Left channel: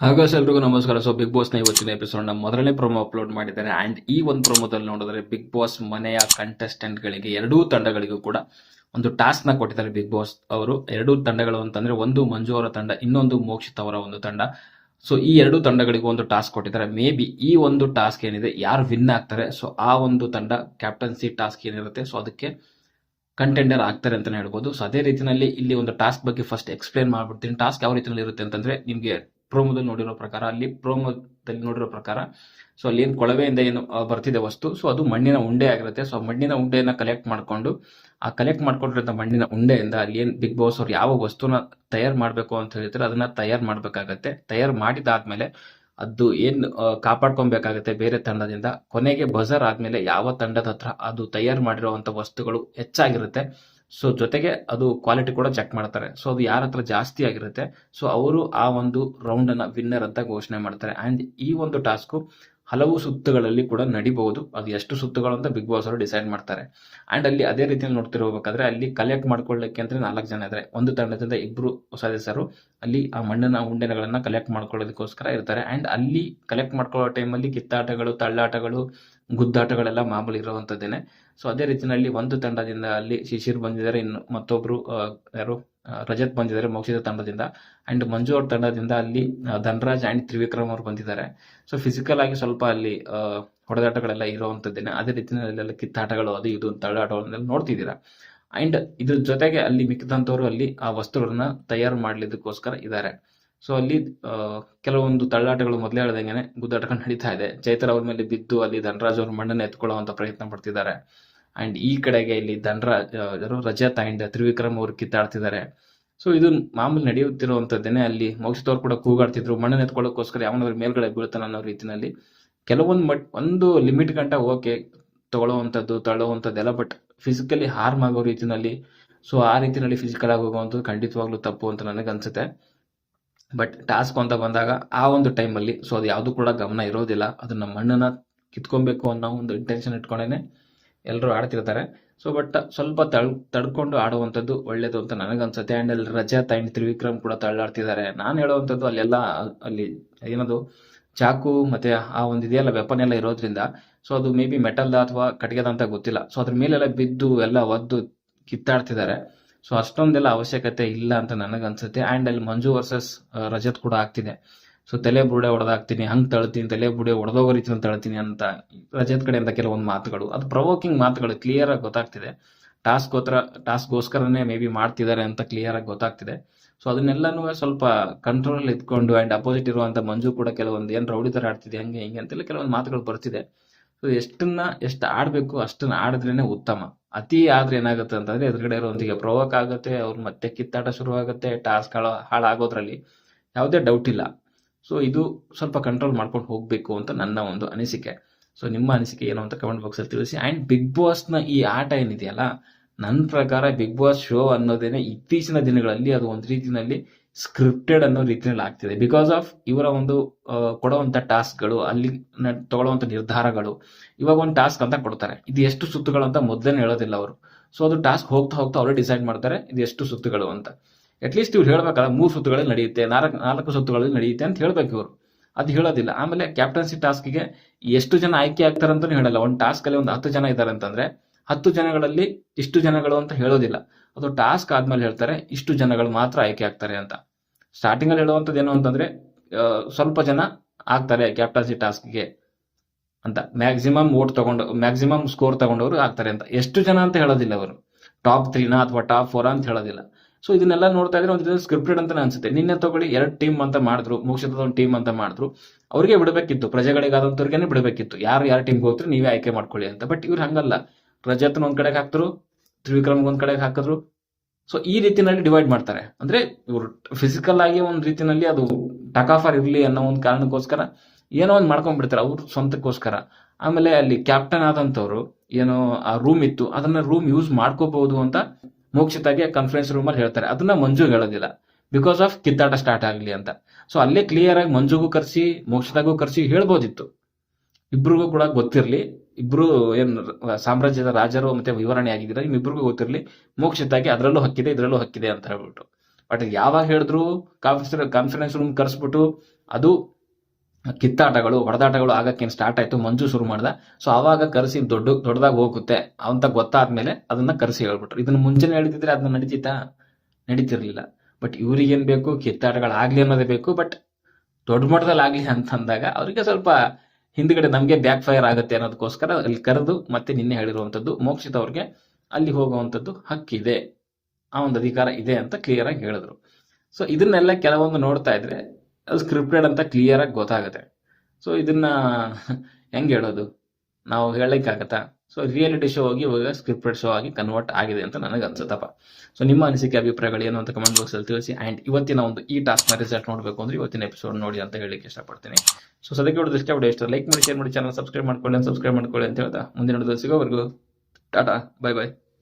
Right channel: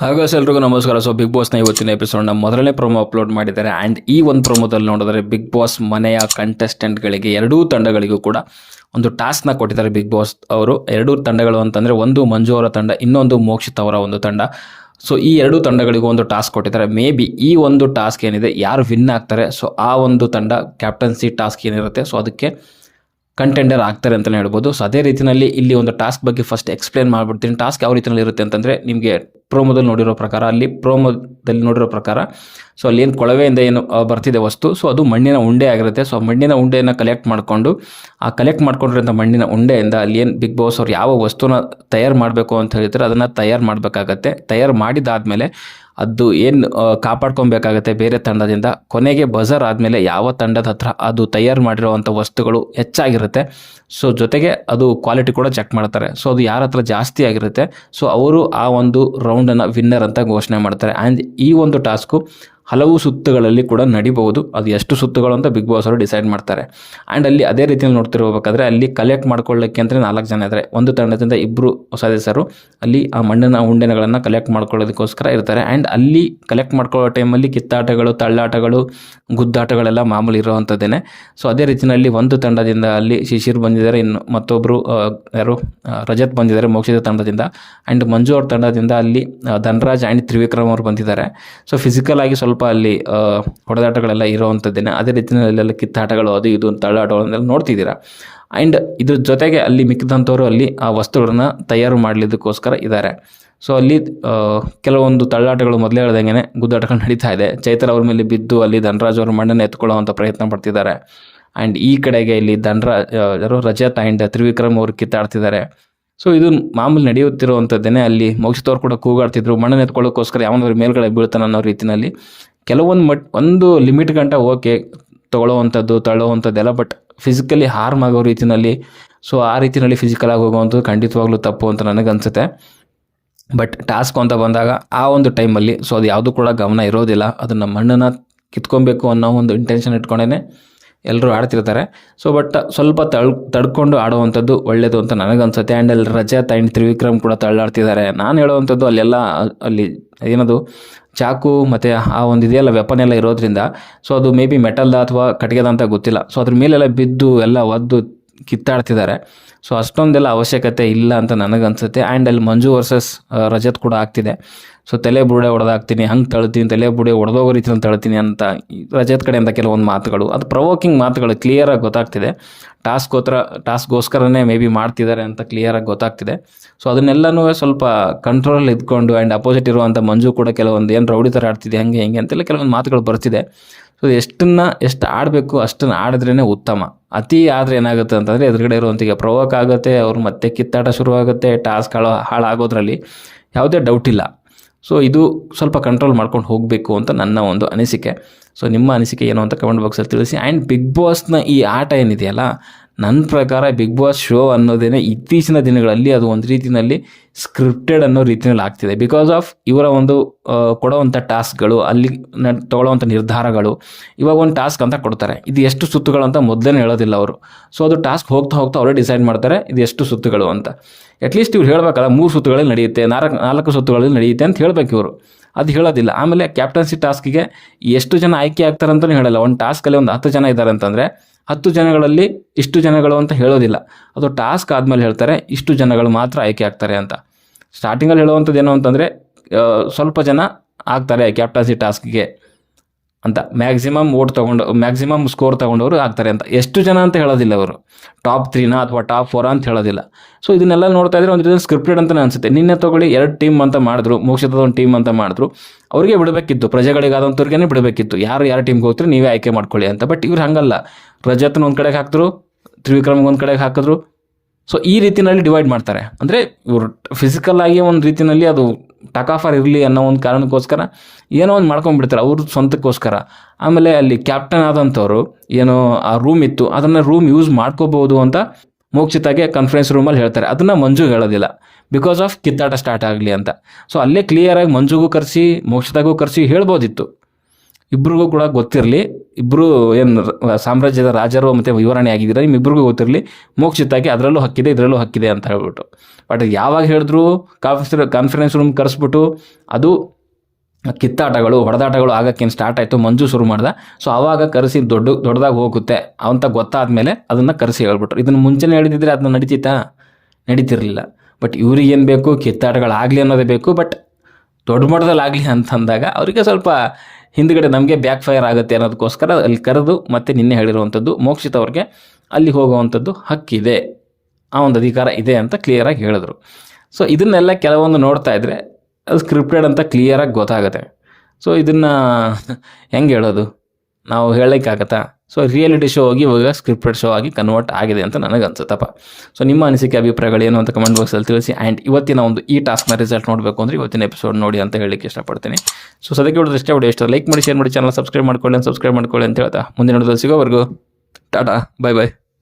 ಹಾಗೂ ಎಲ್ರಿಗೂ ನಮಸ್ಕಾರ. ಸೊ ಬಿಗ್ ಬಾಸ್ನ ಇವತ್ತಿನ ಎಪಿಸೋಡ್ನ ಮೊದಲನೇ ಪ್ರೊಮೋ ಅಪ್ಲೋಡ್ ಮಾಡಿದ್ದಾರೆ. ಆ್ಯಂಡ್ ಈ ಒಂದು ಪ್ರೊಮೋದಲ್ಲಿ ನೋಡಿದ್ರೆ ಬಿಗ್ ಬಾಸ್ ಮನೆಯ ಕಂಟೆಸ್ಟೆಂಟ್ಗಳಿಗೆ ಎರಡೂ ತಂಡಗಳಿಗೂ ಕೂಡ ಒಂದು ಟಾಸ್ಕ್ನ ಕೊಟ್ಟಿದ್ದಾರೆ ಬಿಗ್ ಬಾಸ್ ಅವರು. ಎರಡೂ ತಂಡಗಳು ಅಂತಂದರೆ ಒಂದು ಮಂಜು ಅವರ ತಂಡ, ಇನ್ನೊಂದು ಮೋಕ್ಷಿತ್ ಅವರ ಒಂದು ತಂಡ. ಸೊ ಈ ಎರಡೂ ತಂಡಗಳಿಗೂ ಒಂದು ಟಾಸ್ಕ್ ಕೊಟ್ಟಿದ್ದಾರೆ. ಮೇ ಬಿ ಈ ಒಂದು ಟಾಸ್ಕ್ ಏನಿದೆ, ಯಾರು ವಿನ್ ಆಗ್ತಾರೆ ಸೊ ಆ ಒಂದು ತಂಡ ಕ್ಯಾಪ್ಟನ್ಸಿ ಟಾಸ್ಕ್ ಏನಿರುತ್ತೆ ಸೊ ಅದಕ್ಕೆ ಕಂಟೆಂಡರ್ ಆಗ್ತಾರೆ ಅಂತಲೇ ಹೇಳ್ಬೋದು. ಸೊ ಅದೇ ರೀತಿಯಲ್ಲಿ ಇಲ್ಲಿ ಒಂದು ಟಾಸ್ಕ್ ಬಗ್ಗೆ ಫಸ್ಟ್ ಎಕ್ಸ್ಪ್ಲೇನ್ ಮಾಡಿಬಿಡ್ತೀನಿ. ಟಾಸ್ಕ್ ಯಾವ ರೀತಿಯಲ್ಲಿ ಇರುತ್ತೆ ಅಂತಂದರೆ, ನಿಮಗೆ ಪ್ರೋಮೋದಲ್ಲಿ ನೋಡಿರೋ ಪ್ರಕಾರ, ಅಲ್ಲಿ ಪ್ರೋಮೋದಲ್ಲಿ ನೋಡಿರೋ ಪ್ರಕಾರ ಸೊ ಅಲ್ಲಿ ಏನು ಕೊಳವೆಯಿಂದ ಏನು ಬರ್ತಿದೆ ವಸ್ತು ಸೊ ಅದು ಮಣ್ಣಿನ ಉಂಡೆ ಆಗಿರುತ್ತೆ. ಸೊ ಮಣ್ಣಿನ ಉಂಡೆಯನ್ನು ಕಲೆಕ್ಟ್ ಮಾಡಿಕೊಂಡು, ಆ ಕಲೆಕ್ಟ್ ಮಾಡ್ಕೊಂಡಿರೋಂಥ ಮಣ್ಣಿನ ಉಂಡೆಯಿಂದ ಅಲ್ಲಿ ಏನು ಬಿಗ್ ಬಾಸ್ ಅವ್ರು ಯಾವ ವಸ್ತುನ ತಯಾರು ಮಾಡಬೇಕು ಅಂತ ಹೇಳ್ತಾರೆ ಅದನ್ನು ತಯಾರು ಮಾಡಬೇಕಾಗತ್ತೆ. ತಯಾರು ಮಾಡಿದಾದಮೇಲೆ ಅದು ಏನು ಕಾಪಾಡ್ಕೊಬೇಕಾಗತ್ತೆ ಬೇರೆ ತಂಡದಿಂದ. ಕೊನೆಗೆ ಬಜರ್ ಆದಮೇಲೆ ಯಾವ ತಂಡದ ಹತ್ರ ಅದು ತಯಾರು ಮಾಡಿರುವಂಥ ವಸ್ತುಗಳು ಹೆಚ್ಚಾಗಿರುತ್ತೆ. ಸೊ ಜೊತೆಗೆ ಅದು ಕ್ವಾಲಿಟಿ ಕೂಡ ಚೆಕ್ ಮಾಡ್ತಾರೆ. ಸೊ ಅದು ಯಾರ ಹತ್ರ ಜಾಸ್ತಿ ಆಗಿರುತ್ತೆ. ಸೊ ಅವರು ಆ ಒಂದು ರೌಂಡನ್ನು ವಿನ್ನರ್ ಅಂತ ಘೋಷಣೆ ಮಾಡ್ತಾರೆ. ಆ್ಯಂಡ್ ಈ ಒಂದು ಟಾಸ್ಕು ಹಲವು ಸುತ್ತುಗಳಲ್ಲಿ ಕೂಡ ನಡಿಬಹುದು. ಅದು ಎಷ್ಟು ಸುತ್ತುಗಳು ಅಂತ ಬಿಗ್ ಬಾಸ್ ಅವರು ಡಿಸೈಡ್ ಮಾಡ್ತಾರೆ. ಆ್ಯಂಡ್ ಅಲ್ಲಿ ಅದೇ ರೀತಿಯಲ್ಲಿ ನೋಡ್ತಿರ್ಬೇಕಾದ್ರೆ ಅಲ್ಲಿ ಕಲೆಕ್ಟ್ ಮಾಡ್ಕೊಳ್ಳೋಕ್ಕೆ ಅಂದರೆ ನಾಲ್ಕು ಜನ ಇದ್ದಾರೆ ಒಂದು ತಂಡದಿಂದ ಇಬ್ಬರು ಸದಸ್ಯರು. ಅಲ್ಲಿ ಆ ಮಣ್ಣಿನ ಉಂಡೆನಗಳನ್ನು ಕಲೆಕ್ಟ್ ಮಾಡ್ಕೊಳ್ಳೋದಕ್ಕೋಸ್ಕರ ಇರ್ತಾರೆ. ಆ್ಯಂಡ್ ಅಲ್ಲಿ ಕಲೆಕ್ಟ್ ಮಾಡ್ಕೊಳ್ಳೋ ಟೈಮಲ್ಲಿ ಕಿತ್ತಾಟಗಳು, ತಳ್ಳಾಟಗಳು, ಗುದ್ದಾಟಗಳೆಲ್ಲ ಮಾಮೂಲಿ ಇರೋವಂಥದ್ದೇನೆ. ಸೊ ಅದೇ ರೀತಿಯಲ್ಲಿ ಒಂದು ತಂಡದಿಂದ ಅಲ್ಲಿ ಶಿಶಿರ್ ಬಂದಿದ್ದಾರೆ, ಇನ್ನು ಮತ್ತೊಬ್ಬರು ಯಾರು ರಜತ್ ಬಂದಿದ್ದಾರೆ ಮೋಕ್ಷಿತ ತಂಡದಿಂದ. ಆ್ಯಂಡ್ ಮಂಜು ಅವ್ರ ತಂಡದಿಂದ ಅಲ್ಲಿ ಧನರಾಜ್ ಆ್ಯಂಡ್ ತ್ರಿವಿಕ್ರಮ್ ಅವರು ಬಂದಿದ್ದಾರೆ. ಸೊ ಫಿಸಿಕಲ್ ಆಗಿ ಸ್ವಲ್ಪ ಅಲ್ಲಿ ಆ, ಹೊಡೆದಾಟಗಳೆಲ್ಲ ಇರೋವಂಥದ್ದೇನೆ. ಅದೇ ರೀತಿಯಲ್ಲಿ ಅಲ್ಲೆಲ್ಲ ಕಿತ್ತಾಟಗಳು ಅದು ಇದು ತಳ್ಳಾಟಗಳನ್ನೆಲ್ಲ ನೋಡ್ತಿದ್ದೀರಾ. ಆ್ಯಂಡ್ ಇದ್ರ ಜೊತೆಗೆ ಅಲ್ಲಿ ಮಿಕ್ಕಿದಂಥವರು ಅಲ್ಲಿ ಆ ವಸ್ತುಗಳನ್ನು ತಯಾರು ಮಾಡಲಿದ್ದಕ್ಕೋಸ್ಕರ ಇದ್ದಾರೆ. ಸೊ ಅಲ್ಲಿ ಕೆಲವೊಂದು ತಳ್ಳಾಟಗಳು ಮೊದಲೇ ಹೇಳ್ದಂಗೆ ಗುದ್ದಾಟಗಳು ನಡೀತಾ ಇದೆ. ಚೈತ್ರ ಅವ್ರ ಮೇಲೆ ಬಿದ್ದು ಅಲ್ಲಿ ಧನರಾಜ್ ಅವ್ರ ಮಣ್ಣನ್ನು ಎತ್ಕೊಳ್ಳೋವಂಥ ಪ್ರಯತ್ನ ಪಡ್ತಿದ್ದಾರೆ. ಆ್ಯಂಡ್ ಈ ಕಡೆಗೆ ಇಲ್ಲಿ ಧನರಾಜ್ ರಜತ್ ಆ್ಯಂಡ್ ತ್ರಿವಿಕ್ರಮ್ ಅವರು ಕಿತ್ತಾಡ್ತಿದ್ದಾರೆ. ಸೊ ಇದು ಮಾಮೂಲಿ ನಡೆಯುತ್ತಿರುವಂಥದ್ದೇನೆ. ಅಲ್ಲಿ ಮೋಕ್ಷಿತವ್ರು ಕೂಡ ಕೂಗಾಡ್ತಿದ್ರು. ಮಣ್ಣನ್ನು ಎತ್ಕೊಳ್ಳೋಕ್ಕೋಸ್ಕರ ಯಾವನಾದ್ರೂ ಮೇಲ್ಗಡೆ ಬೀಳ್ತಾನೆ ಅನ್ನೋ ರೀತಿಯಲ್ಲಿ ಕೆಲವೊಂದು ಮಟ್, ಒಂದು ಲಿಮಿಟ್ ಗಂಟ ಓಕೆ, ತೊಗೊಳ್ಳೋವಂಥದ್ದು ತಳ್ಳುವಂಥದ್ದೆಲ್ಲ ಬಟ್ ಫಿಸಿಕಲಿ ಹಾರ್ಮ್ ಆಗೋ ರೀತಿಯಲ್ಲಿ ಸೊ, ಆ ರೀತಿಯಲ್ಲಿ ಫಿಸಿಕಲ್ ಆಗಿ ಹೋಗುವಂಥದ್ದು ಖಂಡಿತವಾಗ್ಲೂ ತಪ್ಪು ಅಂತ ನನಗೆ ಅನಿಸುತ್ತೆ ಬಟ್ ಟಾಸ್ಕ್ ಅಂತ ಬಂದಾಗ, ಆ ಒಂದು ಟೈಮಲ್ಲಿ, ಸೊ, ಅದು ಯಾವುದೂ ಕೂಡ ಗಮನ ಇರೋದಿಲ್ಲ. ಅದನ್ನು ಮಣ್ಣನ್ನು ಕಿತ್ಕೊಬೇಕು ಅನ್ನೋ ಒಂದು ಇಂಟೆನ್ಷನ್ ಇಟ್ಕೊಂಡೇ ಎಲ್ಲರೂ ಆಡ್ತಿರ್ತಾರೆ. ಸೊ ಬಟ್ ಸ್ವಲ್ಪ ತಳ್, ತಡ್ಕೊಂಡು ಆಡುವಂಥದ್ದು ಒಳ್ಳೆಯದು ಅಂತ ನನಗನ್ಸುತ್ತೆ. ಆ್ಯಂಡ್ ಅಲ್ಲಿ ರಜತ್ ಆ್ಯಂಡ್ ತ್ರಿವಿಕ್ರಮ್ ಕೂಡ ತಳ್ಳಾಡ್ತಿದ್ದಾರೆ. ನಾನು ಹೇಳುವಂಥದ್ದು ಅಲ್ಲೆಲ್ಲ, ಅಲ್ಲಿ ಏನದು, ಚಾಕು ಮತ್ತು ಆ ಒಂದು ಇದೆಯಲ್ಲ ವೆಪನ್ ಎಲ್ಲ ಇರೋದ್ರಿಂದ. ಸೊ ಅದು ಮೇ ಬಿ ಮೆಟಲ್ದ ಅಥವಾ ಕಟ್ಟಿಗೆದ ಅಂತ ಗೊತ್ತಿಲ್ಲ. ಸೊ ಅದ್ರ ಮೇಲೆಲ್ಲ ಬಿದ್ದು ಎಲ್ಲ ಒದ್ದು ಕಿತ್ತಾಡ್ತಿದ್ದಾರೆ. ಸೊ ಅಷ್ಟೊಂದೆಲ್ಲ ಅವಶ್ಯಕತೆ ಇಲ್ಲ ಅಂತ ನನಗನ್ಸುತ್ತೆ. ಆ್ಯಂಡ್ ಅಲ್ಲಿ ಮಂಜು ವರ್ಸಸ್ ರಜತ್ ಕೂಡ ಆಗ್ತಿದೆ. ಸೊ ತಲೆ ಬುಡೆ ಹೊಡೆದಾಕ್ತೀನಿ ಹಂಗೆ ತಳ್ತೀನಿ, ತಲೆ ಬುಡೆ ಹೊಡೆದೋಗೋ ರೀತಿಯಲ್ಲಿ ತಳ್ತೀನಿ ಅಂತ ರಜತ್ ಕಡೆ ಕಡೆಯಿಂದ ಕೆಲವೊಂದು ಮಾತುಗಳು. ಅದು ಪ್ರವೋಕಿಂಗ್ ಮಾತುಗಳು ಕ್ಲಿಯರಾಗಿ ಗೊತ್ತಾಗ್ತಿದೆ. ಟಾಸ್ಕ್ಗೋಸ್ಕರ ಟಾಸ್ಕ್ಗೋಸ್ಕರನೇ ಮೇ ಬಿ ಮಾಡ್ತಿದ್ದಾರೆ ಅಂತ ಕ್ಲಿಯರಾಗಿ ಗೊತ್ತಾಗ್ತಿದೆ. ಸೊ ಅದನ್ನೆಲ್ಲನೂ ಸ್ವಲ್ಪ ಕಂಟ್ರೋಲ್ ಇದ್ಕೊಂಡು ಆ್ಯಂಡ್ ಅಪೋಸಿಟ್ ಇರುವಂಥ ಮಂಜು ಕೂಡ ಕೆಲವೊಂದು ಏನು ರೌಡಿ ಥರ ಆಡ್ತಿದೆ ಹಂಗೆ, ಹಿಂಗೆ ಅಂತೆಲ್ಲ ಕೆಲವೊಂದು ಮಾತುಗಳು ಬರ್ತಿದೆ. ಸೊ ಎಷ್ಟನ್ನು, ಎಷ್ಟು ಆಡಬೇಕು, ಅಷ್ಟನ್ನು ಆಡಿದ್ರೇ ಉತ್ತಮ. ಅತಿ ಆದರೆ ಏನಾಗುತ್ತೆ ಅಂತಂದರೆ, ಎದುರುಗಡೆ ಇರುವಂತಿಗೆ ಪ್ರವೋಕ್ ಆಗುತ್ತೆ, ಅವ್ರು ಮತ್ತೆ ಕಿತ್ತಾಟ ಶುರುವಾಗುತ್ತೆ ಟಾಸ್ಕ್ ಹಾಳು, ಹಾಳಾಗೋದ್ರಲ್ಲಿ ಯಾವುದೇ ಡೌಟ್ ಇಲ್ಲ. ಸೊ ಇದು ಸ್ವಲ್ಪ ಕಂಟ್ರೋಲ್ ಮಾಡ್ಕೊಂಡು ಹೋಗಬೇಕು ಅಂತ ನನ್ನ ಒಂದು ಅನಿಸಿಕೆ. ಸೊ ನಿಮ್ಮ ಅನಿಸಿಕೆ ಏನು ಅಂತ ಕಮೆಂಟ್ ಬಾಕ್ಸಲ್ಲಿ ತಿಳಿಸಿ. ಆ್ಯಂಡ್ ಬಿಗ್ ಬಾಸ್ನ ಈ ಆಟ ಏನಿದೆಯಲ್ಲ ನನ್ನ ಪ್ರಕಾರ ಬಿಗ್ ಬಾಸ್ ಶೋ ಅನ್ನೋದೇನೆ ಇತ್ತೀಚಿನ ದಿನಗಳಲ್ಲಿ ಅದು ಒಂದು ರೀತಿಯಲ್ಲಿ ಸ್ಕ್ರಿಪ್ಟೆಡ್ ಅನ್ನೋ ರೀತಿಯಲ್ಲಿ ಆಗ್ತಿದೆ. ಬಿಕಾಸ್ ಆಫ್ ಇವರ ಒಂದು ಕೊಡುವಂಥ ಟಾಸ್ಕ್ಗಳು ಅಲ್ಲಿ ತೊಗೊಳ್ಳೋವಂಥ ನಿರ್ಧಾರಗಳು, ಇವಾಗ ಒಂದು ಟಾಸ್ಕ್ ಅಂತ ಕೊಡ್ತಾರೆ. ಇದು ಎಷ್ಟು ಸುತ್ತುಗಳು ಅಂತ ಮೊದಲೇ ಹೇಳೋದಿಲ್ಲ ಅವರು. ಸೊ ಅದು ಟಾಸ್ಕ್ ಹೋಗ್ತಾ ಹೋಗ್ತಾ ಅವರೇ ಡಿಸೈಡ್ ಮಾಡ್ತಾರೆ, ಇದು ಎಷ್ಟು ಸುತ್ತುಗಳು ಅಂತ. ಅಟ್ಲೀಸ್ಟ್ ಇವ್ರು ಹೇಳಬೇಕಲ್ಲ ಮೂರು ಸುತ್ತುಗಳಲ್ಲಿ ನಡೆಯುತ್ತೆ, ನಾಲ್ಕು ನಾಲ್ಕು ಸುತ್ತುಗಳಲ್ಲಿ ನಡೆಯುತ್ತೆ ಅಂತ ಹೇಳಬೇಕು ಇವರು. ಅದು ಹೇಳೋದಿಲ್ಲ. ಆಮೇಲೆ ಕ್ಯಾಪ್ಟನ್ಸಿ ಟಾಸ್ಕಿಗೆ ಎಷ್ಟು ಜನ ಆಯ್ಕೆ ಆಗ್ತಾರೆ ಅಂತಲೂ ಹೇಳಲ್ಲ. ಒಂದು ಟಾಸ್ಕಲ್ಲಿ ಒಂದು ಹತ್ತು ಜನ ಇದ್ದಾರೆ ಅಂತಂದರೆ ಹತ್ತು ಜನಗಳಲ್ಲಿ ಇಷ್ಟು ಜನಗಳು ಅಂತ ಹೇಳೋದಿಲ್ಲ. ಅದು ಟಾಸ್ಕ್ ಆದಮೇಲೆ ಹೇಳ್ತಾರೆ, ಇಷ್ಟು ಜನಗಳು ಮಾತ್ರ ಆಯ್ಕೆ ಆಗ್ತಾರೆ ಅಂತ. ಸ್ಟಾರ್ಟಿಂಗಲ್ಲಿ ಹೇಳುವಂಥದ್ದು ಏನು ಅಂತಂದರೆ ಸ್ವಲ್ಪ ಜನ ಆಗ್ತಾರೆ ಕ್ಯಾಪ್ಟನ್ಸಿ ಟಾಸ್ಕ್ಗೆ ಅಂತ. ಮ್ಯಾಕ್ಸಿಮಮ್ ಓಟ್ ತೊಗೊಂಡು, ಮ್ಯಾಕ್ಸಿಮಮ್ ಸ್ಕೋರ್ ತೊಗೊಂಡವರು ಆಗ್ತಾರೆ ಅಂತ. ಎಷ್ಟು ಜನ ಅಂತ ಹೇಳೋದಿಲ್ಲ ಅವರು. ಟಾಪ್ ತ್ರೀನ ಅಥವಾ ಟಾಪ್ ಫೋರ ಅಂತ ಹೇಳೋದಿಲ್ಲ. ಸೊ ಇದನ್ನೆಲ್ಲ ನೋಡ್ತಾ ಇದ್ರೆ ಒಂದು ರೀತಿ ಸ್ಕ್ರಿಪ್ಟೆಡ್ ಅಂತಲೇ ಅನಿಸುತ್ತೆ. ನಿನ್ನೆ ತಗೊಳ್ಳಿ, ಎರಡು ಟೀಮ್ ಅಂತ ಮಾಡಿದ್ರು ಮೋಕ್ಷದ ಒಂದು ಟೀಮ್ ಅಂತ ಮಾಡಿದ್ರು. ಅವ್ರಿಗೆ ಬಿಡಬೇಕಿತ್ತು ಪ್ರಜೆಗಳಿಗಾದಂಥವ್ರಿಗೇ ಬಿಡಬೇಕಿತ್ತು. ಯಾರು ಯಾರು ಟೀಮ್ಗೆ ಹೋಗ್ತಾರೆ, ನೀವೇ ಆಯ್ಕೆ ಮಾಡ್ಕೊಳ್ಳಿ ಅಂತ. ಬಟ್ ಇವ್ರು ಹಂಗಲ್ಲ. ರಜತ್ನ ಒಂದು ಕಡೆಗೆ ಹಾಕಿದ್ರು, ತ್ರಿವಿಕ್ರಮ್ಗೆ ಒಂದು ಕಡೆಗೆ ಹಾಕಿದ್ರು. ಸೊ ಈ ರೀತಿಯಲ್ಲಿ ಡಿವೈಡ್ ಮಾಡ್ತಾರೆ. ಅಂದರೆ ಇವರು ಫಿಸಿಕಲ್ ಆಗಿ ಒಂದು ರೀತಿಯಲ್ಲಿ ಅದು ಟಕಾಫರ್ ಇರಲಿ ಅನ್ನೋ ಒಂದು ಕಾರಣಕ್ಕೋಸ್ಕರ ಏನೋ ಒಂದು ಮಾಡ್ಕೊಂಡ್ಬಿಡ್ತಾರೆ ಅವ್ರ ಸ್ವಂತಕ್ಕೋಸ್ಕರ. ಆಮೇಲೆ ಅಲ್ಲಿ ಕ್ಯಾಪ್ಟನ್ ಆದಂಥವ್ರು ಏನೋ ಆ ರೂಮ್ ಇತ್ತು, ಅದನ್ನು ರೂಮ್ ಯೂಸ್ ಮಾಡ್ಕೋಬಹುದು ಅಂತ ಮೋಕ್ಷಿತಾಗೆ ಕಾನ್ಫರೆನ್ಸ್ ರೂಮಲ್ಲಿ ಹೇಳ್ತಾರೆ. ಅದನ್ನು ಮಂಜು ಹೇಳೋದಿಲ್ಲ. ಬಿಕಾಸ್ ಆಫ್ ಕಿತ್ತಾಟ ಸ್ಟಾರ್ಟ್ ಆಗಲಿ ಅಂತ. ಸೊ ಅಲ್ಲೇ ಕ್ಲಿಯರಾಗಿ ಮಂಜುಗೂ ಕರೆಸಿ, ಮೋಕ್ಷಿತಾಗೂ ಕರೆಸಿ ಹೇಳ್ಬೋದಿತ್ತು. ಇಬ್ರಿಗೂ ಕೂಡ ಗೊತ್ತಿರಲಿ. ಇಬ್ಬರು ಏನು ಸಾಮ್ರಾಜ್ಯದ ರಾಜರು ಮತ್ತು ವಿವರಣೆ ಆಗಿದ್ದೀರ ನಿಮ್ಮಿಬ್ಬರಿಗೂ ಗೊತ್ತಿರಲಿ. ಮೋಕ್ಷಿತಾಗಿ ಅದರಲ್ಲೂ ಹಕ್ಕಿದೆ, ಇದರಲ್ಲೂ ಹಕ್ಕಿದೆ ಅಂತ ಹೇಳ್ಬಿಟ್ಟು. ಬಟ್ ಯಾವಾಗ ಹೇಳಿದ್ರು ಕಾನ್ಫರೆನ್ಸ್ ಕಾನ್ಫರೆನ್ಸ್ ರೂಮ್ ಕರೆಸ್ಬಿಟ್ಟು ಅದು ಕಿತ್ತಾಟಗಳು, ಹೊಡೆದಾಟಗಳು ಆಗೋಕ್ಕೇನು ಸ್ಟಾರ್ಟ್ ಆಯಿತು, ಮಂಜು ಶುರು ಮಾಡ್ದೆ. ಸೊ ಆವಾಗ ಕರೆಸಿ ದೊಡ್ಡ, ದೊಡ್ಡದಾಗಿ ಹೋಗುತ್ತೆ. ಅಂತ ಗೊತ್ತಾದ್ಮೇಲೆ ಅದನ್ನು ಕರೆಸಿ ಹೇಳ್ಬಿಟ್ರು. ಇದನ್ನು ಮುಂಚೆನೇ ಹೇಳಿದಿದ್ರೆ ಅದನ್ನ ನಡೀತಿತ್ತಾ? ನಡೀತಿರಲಿಲ್ಲ. ಬಟ್ ಇವ್ರಿಗೆ ಏನು ಬೇಕು? ಕಿತ್ತಾಟಗಳಾಗಲಿ ಅನ್ನೋದೇ ಬೇಕು. ಬಟ್ ದೊಡ್ಡ ಮಟ್ಟದಲ್ಲಿ ಆಗಲಿ ಅಂತಂದಾಗ ಅವರಿಗೆ ಸ್ವಲ್ಪ ಹಿಂದ್ಗಡೆ ನಮಗೆ ಬ್ಯಾಕ್ ಫೈರ್ ಆಗುತ್ತೆ ಅನ್ನೋದಕ್ಕೋಸ್ಕರ ಅಲ್ಲಿ ಕರೆದು ಮತ್ತೆ ನಿನ್ನೆ ಹೇಳಿರುವಂಥದ್ದು ಮೋಕ್ಷಿತ ಅವ್ರಿಗೆ ಅಲ್ಲಿ ಹೋಗುವಂಥದ್ದು ಹಕ್ಕಿದೆ. ಆ ಒಂದು ಅಧಿಕಾರ ಇದೆ ಅಂತ ಕ್ಲಿಯರಾಗಿ ಹೇಳಿದ್ರು. ಸೊ ಇದನ್ನೆಲ್ಲ ಕೆಲವೊಂದು ನೋಡ್ತಾ ಇದ್ರೆ ಅದು ಸ್ಕ್ರಿಪ್ಟೆಡ್ ಅಂತ ಕ್ಲಿಯರಾಗಿ ಗೊತ್ತಾಗುತ್ತೆ. ಸೊ ಇದನ್ನು ಹೆಂಗೆ ಹೇಳೋದು? ನಾವು ಹೇಳೋಕ್ಕಾಗತ್ತಾ ಸೊ ರಿಯಾಲಿಟಿ ಶೋ ಹೋಗಿ ಇವಾಗ ಸ್ಕ್ರಿಪ್ಟೆಡ್ ಶೋ ಆಗಿ ಕನ್ವರ್ಟ್ ಆಗಿದೆ ಅಂತ ನನಗೆ ಅನ್ಸುತ್ತಪ್ಪ ಸೊ ನಿಮ್ಮ ಅನಿಸಿಕೆ ಅಭಿಪ್ರಾಯಗಳು ಏನು ಅಂತ ಕಮೆಂಟ್ ಬಾಕ್ಸಲ್ಲಿ ತಿಳಿಸಿ. ಆ್ಯಂಡ್ ಇವತ್ತಿನ ಒಂದು ಈ ಟಾಸ್ಕ್ನ ರಿಸಲ್ಟ್ ನೋಡಬೇಕು ಅಂದರೆ ಇವತ್ತಿನ ಎಪಿಸೋಡ್ ನೋಡಿ ಅಂತ ಹೇಳಲಿಕ್ಕೆ ಇಷ್ಟಪಡ್ತೀನಿ. ಸೊ ಸದ್ಯಕ್ಕೆ ಹಿಡಿದು ಇಷ್ಟ ವಿಡಿಯೋ ಇಷ್ಟ ಲೈಕ್ ಮಾಡಿ ಶೇರ್ ಮಾಡಿ ಚಾನಲ್ ಸಬ್ಸ್ಕ್ರೈಬ್ ಮಾಡ್ಕೊಳ್ಳಿ ಸಬ್ಸ್ಕ್ರೈಬ್ ಮಾಡ್ಕೊಳ್ಳಿ ಅಂತ ಹೇಳ್ತಾ ಮುಂದಿನ ಸಿಗೋವರೆಗೂ, ಟಾಟಾ ಬಾಯ್ ಬಾಯ್